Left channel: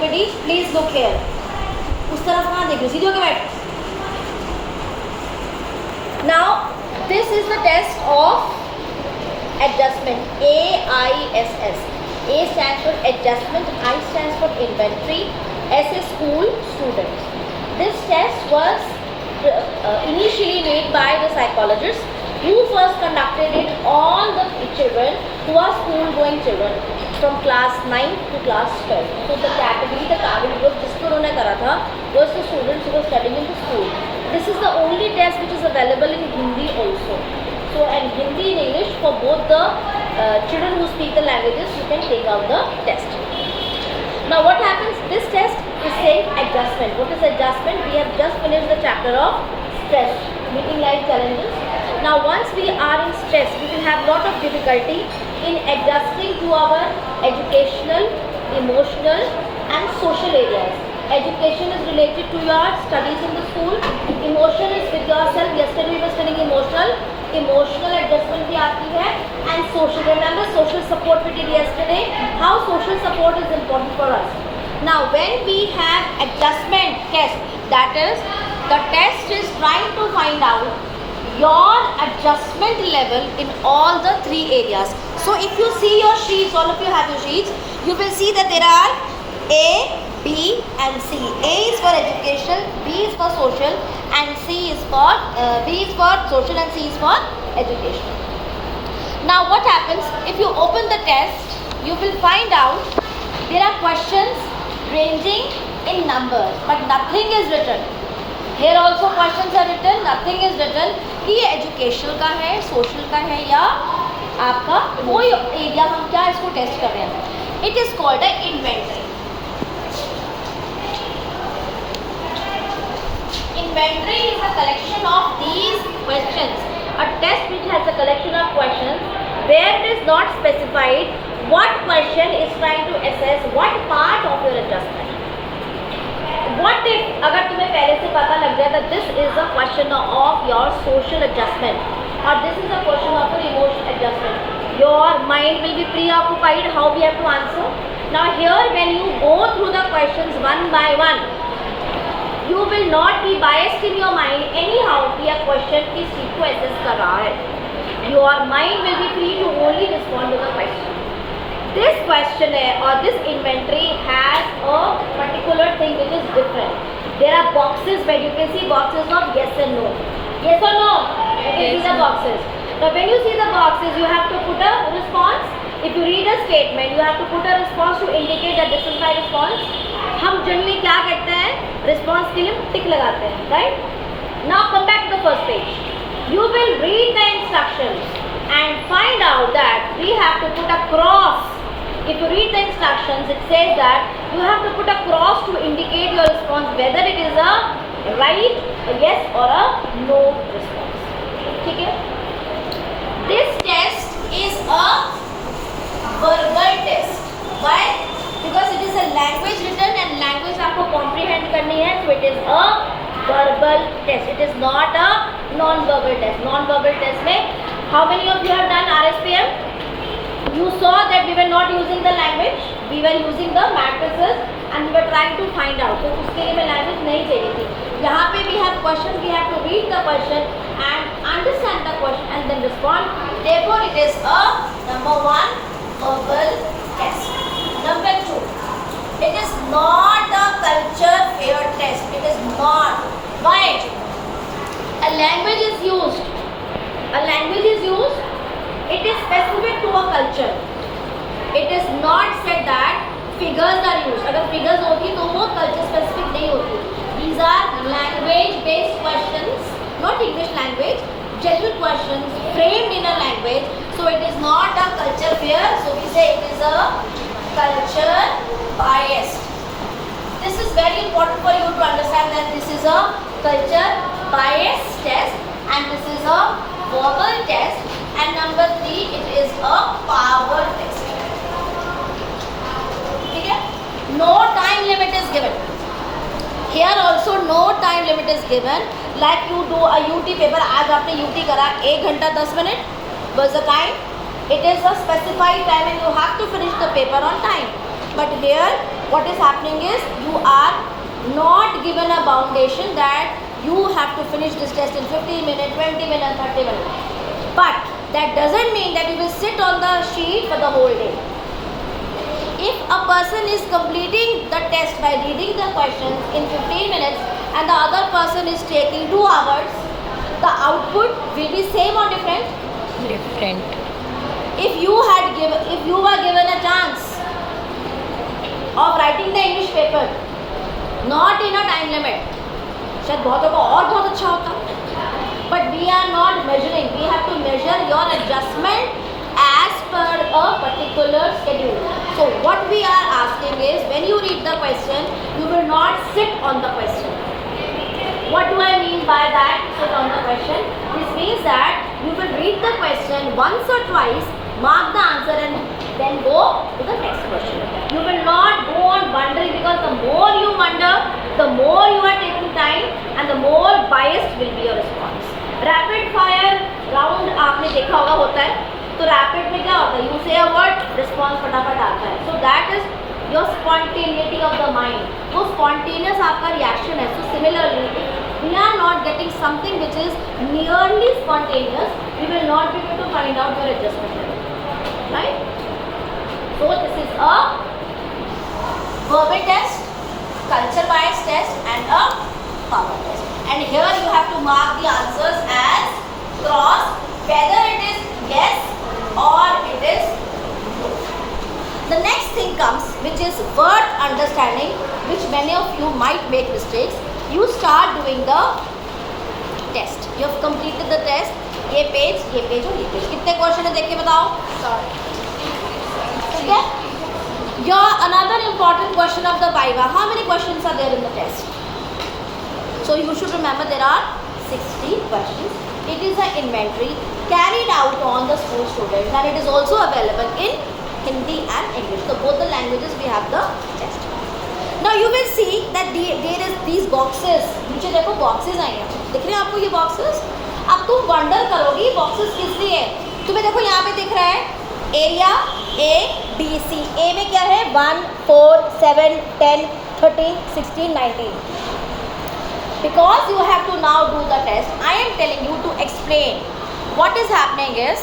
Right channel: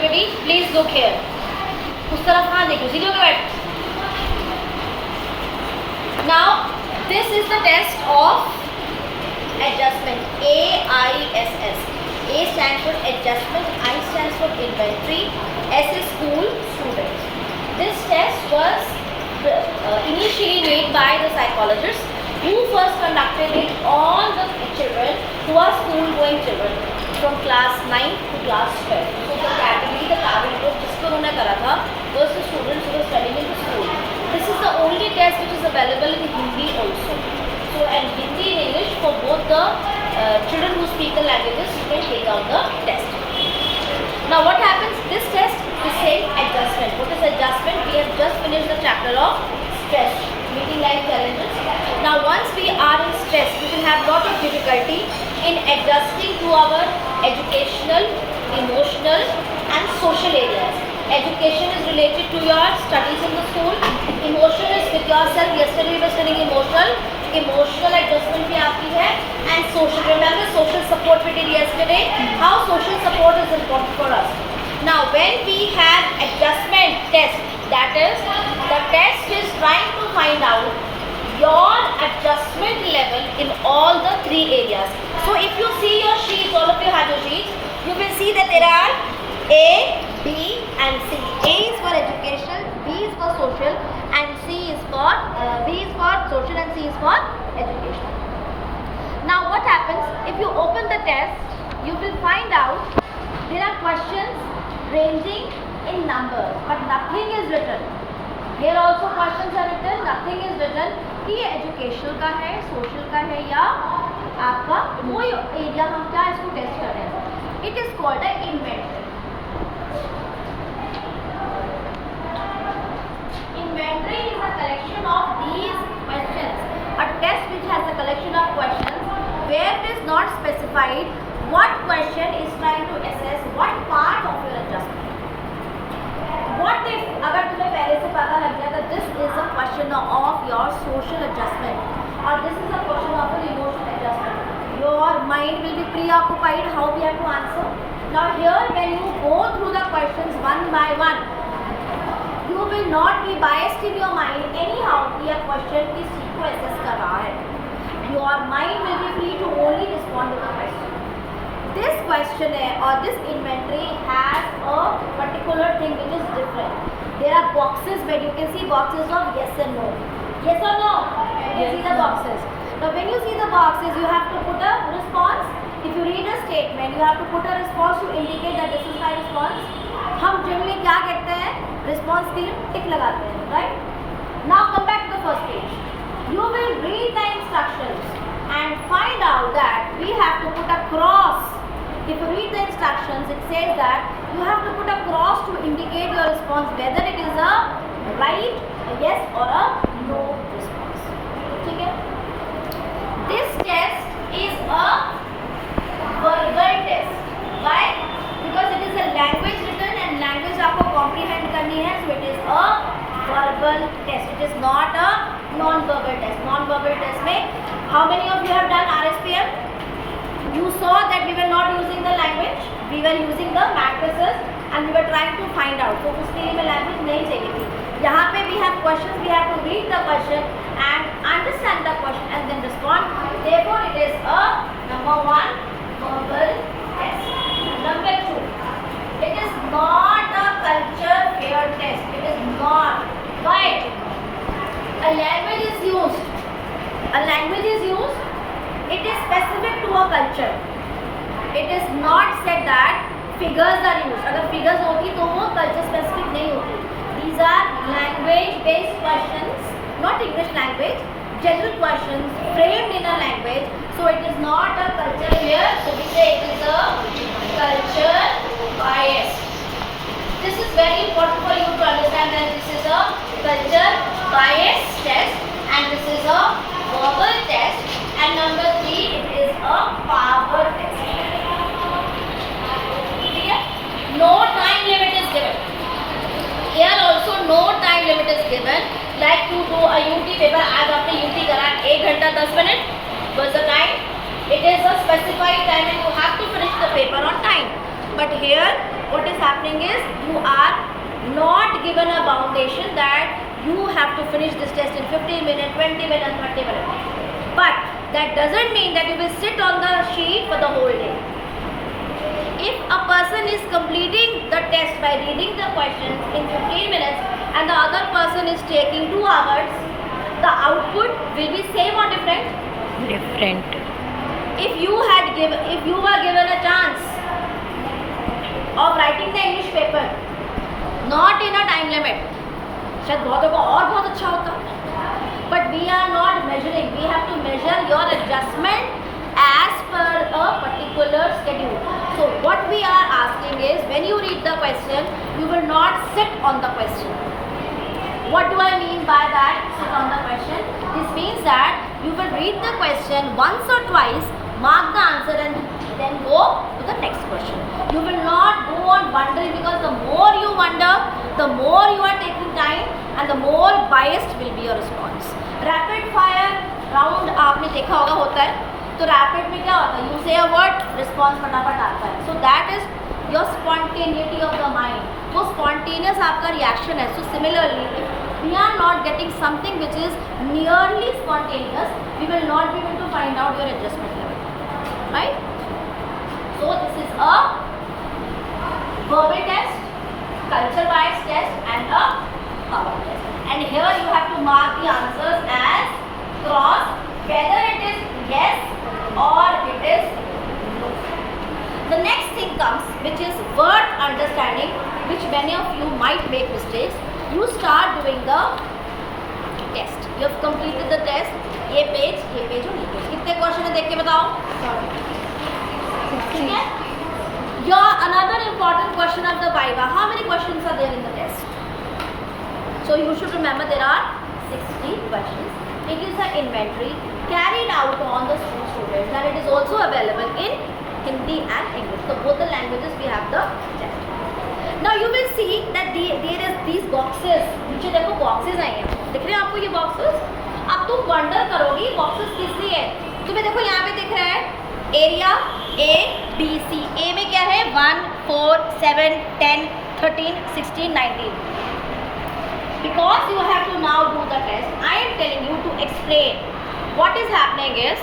everybody, please look here. उस तरफ कहाँ देखो, सीधी होके बैठ. Now this is the test of adjustment. AISS. A stands for adjustment, I stands for inventory, S is school, students. This test was initially made by the psychologists who first conducted it on the children who are school going children from class 9 to class 12. So the category, the target group जिसको उन्होंने करा था was the students who were studying in the school. This is the only test which is available in Hindi also. So and Hindi and English for both the children who speak the languages, you can take out the test. Now what happens? This test is saying adjustment. What is adjustment? We have just finished the chapter of stress, meeting life challenges. Now once we are in stress, we will have lot of difficulty in adjusting to our educational, emotional and social areas. Education is related to your studies in the school. Emotion is with yourself. Yesterday we were studying emotional. Emotional adjustment भी आती है and social. Remember social support we did yesterday. How social support is important for us. Now when we have adjustment test, that is the test is trying to find out your adjustment level in all the three areas. So if you see your sheets, all of you have your sheets, you will see that there are A, B and C. A is for education, B is for social and C is for B is for social and C is for education. Now what happens if you open the test, you will find out there are questions ranging in numbers but nothing is written. Here also questions are written, nothing is written कि ये educational का है, social का है या आपका कोई area हम क्या इसको टेस्ट कर रहे हैं. It is called a inventory. Inventory is a collection of these questions. A test which has a collection of questions where it is not specified what question is trying to assess what part of your adjustment. What if अगर तुम्हें पहले से पता लग जाए that this is a question of your social adjustment or this is a question of your emotional adjustment, your mind will be preoccupied how we have to answer. Now here when you go through the questions one by one, you will not be biased in your mind anyhow कि यह question किस चीज को assess कर रहा है. Your mind will be free to only respond to the question. This questionnaire or this inventory has a particular thing which is different. There are boxes where you can see boxes of yes and no. Yes or no? You can see the boxes. Now when you see the boxes, you have to put a response. If you read a statement, you have to put a response to indicate that this is my response. हम generally क्या कहते हैं? Response के लिए टिक लगाते हैं, right? Now come back to the first page. You will read the instructions and find out that we have to put a cross. If you read the instructions, it says that you have to put a cross to indicate your response whether it is a right, a yes or a no response. ठीक है? This test is a verbal test. Why? Because it is a language written and language आपको comprehend करनी है, so it is a verbal test. It is not a non-verbal test. Non-verbal test में how many of you have done RSPM? You saw that we were not using the language, we were using the matrices and we were trying to find out. So उसके लिए मैं language नहीं चाहिए थी. यहाँ पे we have questions, we have to read the question and understand the question and then respond. Therefore it is a number one verbal test. Number two, it is not a culture fair test. It is not. Why? A language is used. A language is used. It is specific to a culture. It is not said that figures are used. अगर figures होती तो वो culture specific नहीं होती. These are language based questions, not English language. General questions framed in a language. So it is not a culture fair. So we say it is a culture bias. This is very important for you to understand that this is a culture bias test and this is a verbal test and number 3 it is a power test. ठीक है? No time limit is given. Here also no time limit is given. Like to do a UT paper. आज आपने UT करा 1 घंटा 10 minute was the time. It is a specified time and you have to finish the paper on time. But here what is happening is you are not given a foundation that you have to finish this test in 15 minutes, 20 minutes, 30 minutes. But that doesn't mean that you will sit on the sheet for the whole day. If a person is completing the test by reading the questions in 15 minutes and the other person is taking 2 hours, the output will be same or different? Different. If you were given a chance of writing the English paper, not in a time limit, शायद बहुतों को और बहुत अच्छा होता. But we are not measuring. We have to measure your adjustment as per a particular schedule. So what we are asking is, when you read the question, you will not sit on the question. What do I mean by that, sit on the question? This means that you will read the question once or twice, mark the answer and then go to the next question. You will not go on wondering, because the more you wonder, the more you are taking time and the more biased will be your response. Rapid fire round आपने देखा होगा होता है, तो rapid में क्या होता है, यू से अ वर्ड, रिस्पॉन्स फटाफट आता है. So that is your spontaneity of the mind. वो स्पॉन्टेनियस आपका रिएक्शन है. So similarly we are not getting something which is nearly spontaneous, we will not be able to find out your adjustment level, right? So this is a verbal test, culture bias test and a power test. And here you have to mark the answers as cross, whether it is yes or it is no. The next thing comes, which is word understanding, which many of you might make mistakes. You start doing the test. You have completed the test. ये page और ये page. कितने question है देख के बताओ. ठीक है. Your another important question of the Viva. How many questions are there in the test? So you should remember there are 60 questions. It is an inventory carried out on the school students, and it is also available in Hindi and English. So both the languages we have the test. Now you will see that there is these boxes. नीचे देखो boxes आए हैं. दिख रहे हैं आपको ये boxes? अब तुम wonder करोगी boxes किस लिए? तुम्हें देखो यहाँ पे दिख रहा है area A, B, C. A में क्या है? 1, 4, 7, 10, 13, 16, 19. Because you have to now do the test, I am telling you to explain. What is happening is,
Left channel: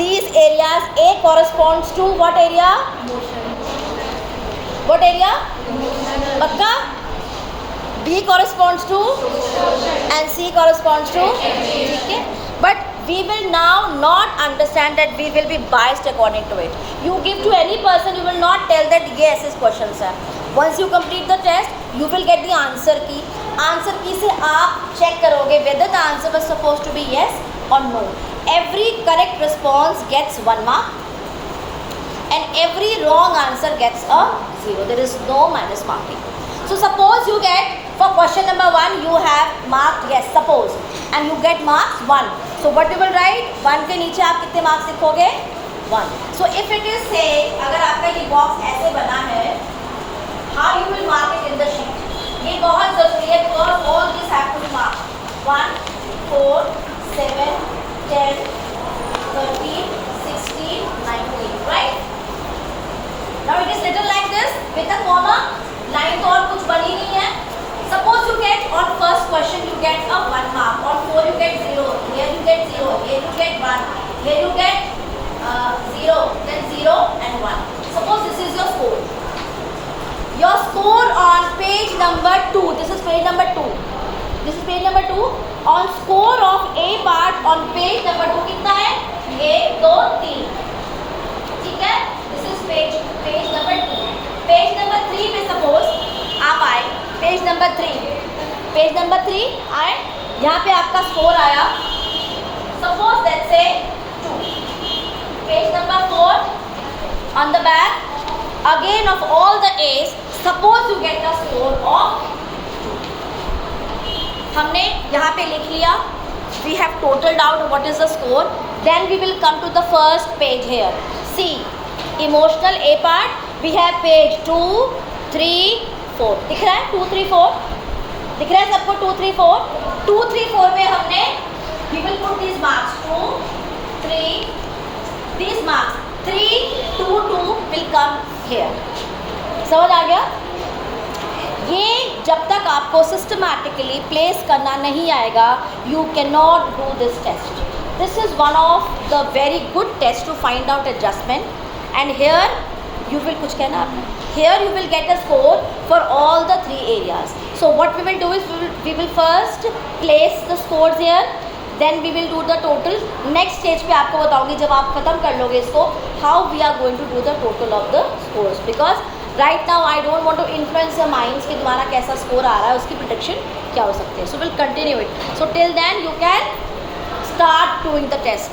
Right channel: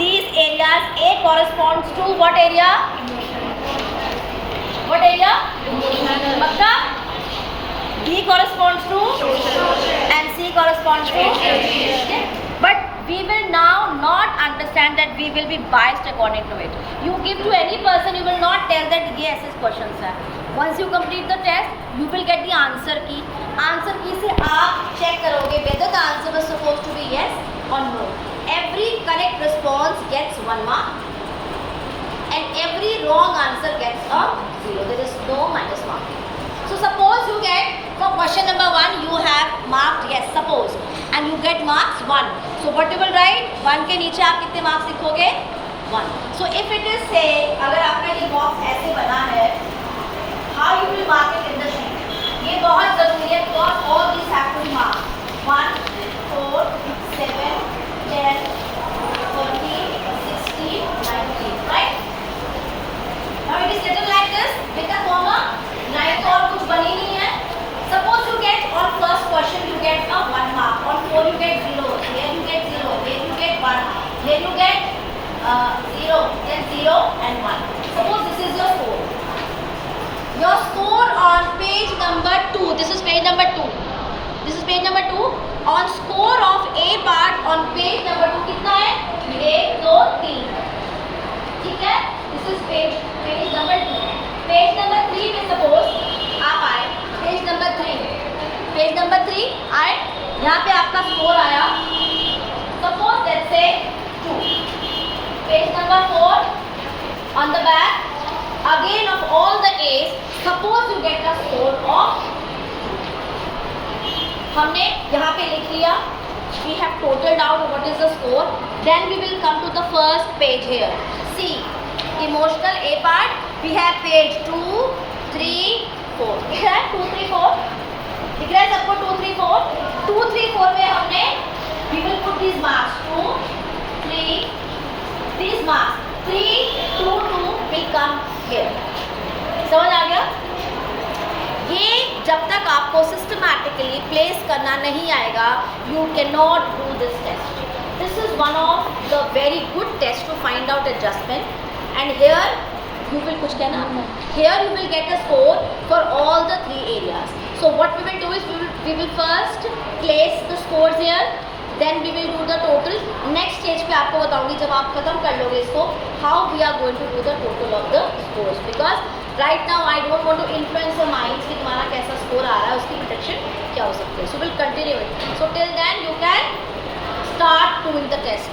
these areas, A corresponds to what area? Emotion. What area? Emotion. Bakka? B corresponds to? Social. And C corresponds to? Okay. But we will now not understand that we will be biased according to it. You give to any person, you will not tell that yes, his questions are. Once you complete the test, you will get the answer key. Answer key से आप check करोगे whether the answer was supposed to be yes or no. Every correct response gets 1 mark, and every wrong answer gets a 0. There is no minus marking. So suppose you get, for question number 1 you have marked yes, suppose, and you get marks 1. So what you will write? 1 के नीचे आप कितने marks लिखोगे? 1. So if it is say, अगर आपका ये box ऐसे बना है, how you will mark it in the sheet? ये बहुत ज़रूरी है, because all these have to be marked. 1, 4, 7, 10, 13, 16, 19, right? Now it is written like this with a comma. Line तो और कुछ बनी नहीं है. Suppose you get on first question you get a 1 mark, on 4 you get 0, here you get 0, here you get 1, here you get 0, then 0 and 1. Suppose this is your score. Your score on page number 2. This is page number 2. This is page number 2. On score of A part on page number 2 कितना है? 1, 2, 3. ठीक है? This is page number 2. Page number 3 में suppose आप आए, page number 3 आए, यहाँ पे आपका स्कोर आया, सपोज दैट से 2. Page number 4 on the back again of all the A's, suppose you get a score of 2. हमने यहाँ पे लिख लिया, we have totaled out what is the score. Then we will come to the first page here. See, emotional A part, we have page 2, 3, 4. दिख रहा है 2, 3, 4? दिख रहा है सबको 2, 3, 4? 2, 3, 4 में हमने we will put these marks 2, 3, these marks 3, 2, 2 will come here. समझ आ गया? ये जब तक आपको सिस्टमैटिकली प्लेस करना नहीं आएगा, you can not do this test. This is one of the very good test to find out adjustment. And here you will kuch kehna aapne, here you will get a score for all the 3 areas. So what we will do is we will first place the scores here, then we will do the total. Next stage पे आपको बताऊंगी जब आप खत्म कर लोगे इसको, how we are going to do the total of the scores, because right now I don't want to influence your minds कि तुम्हारा कैसा score आ रहा है, उसकी prediction क्या हो सकती है. So we'll continue it. So till then you can start doing the test.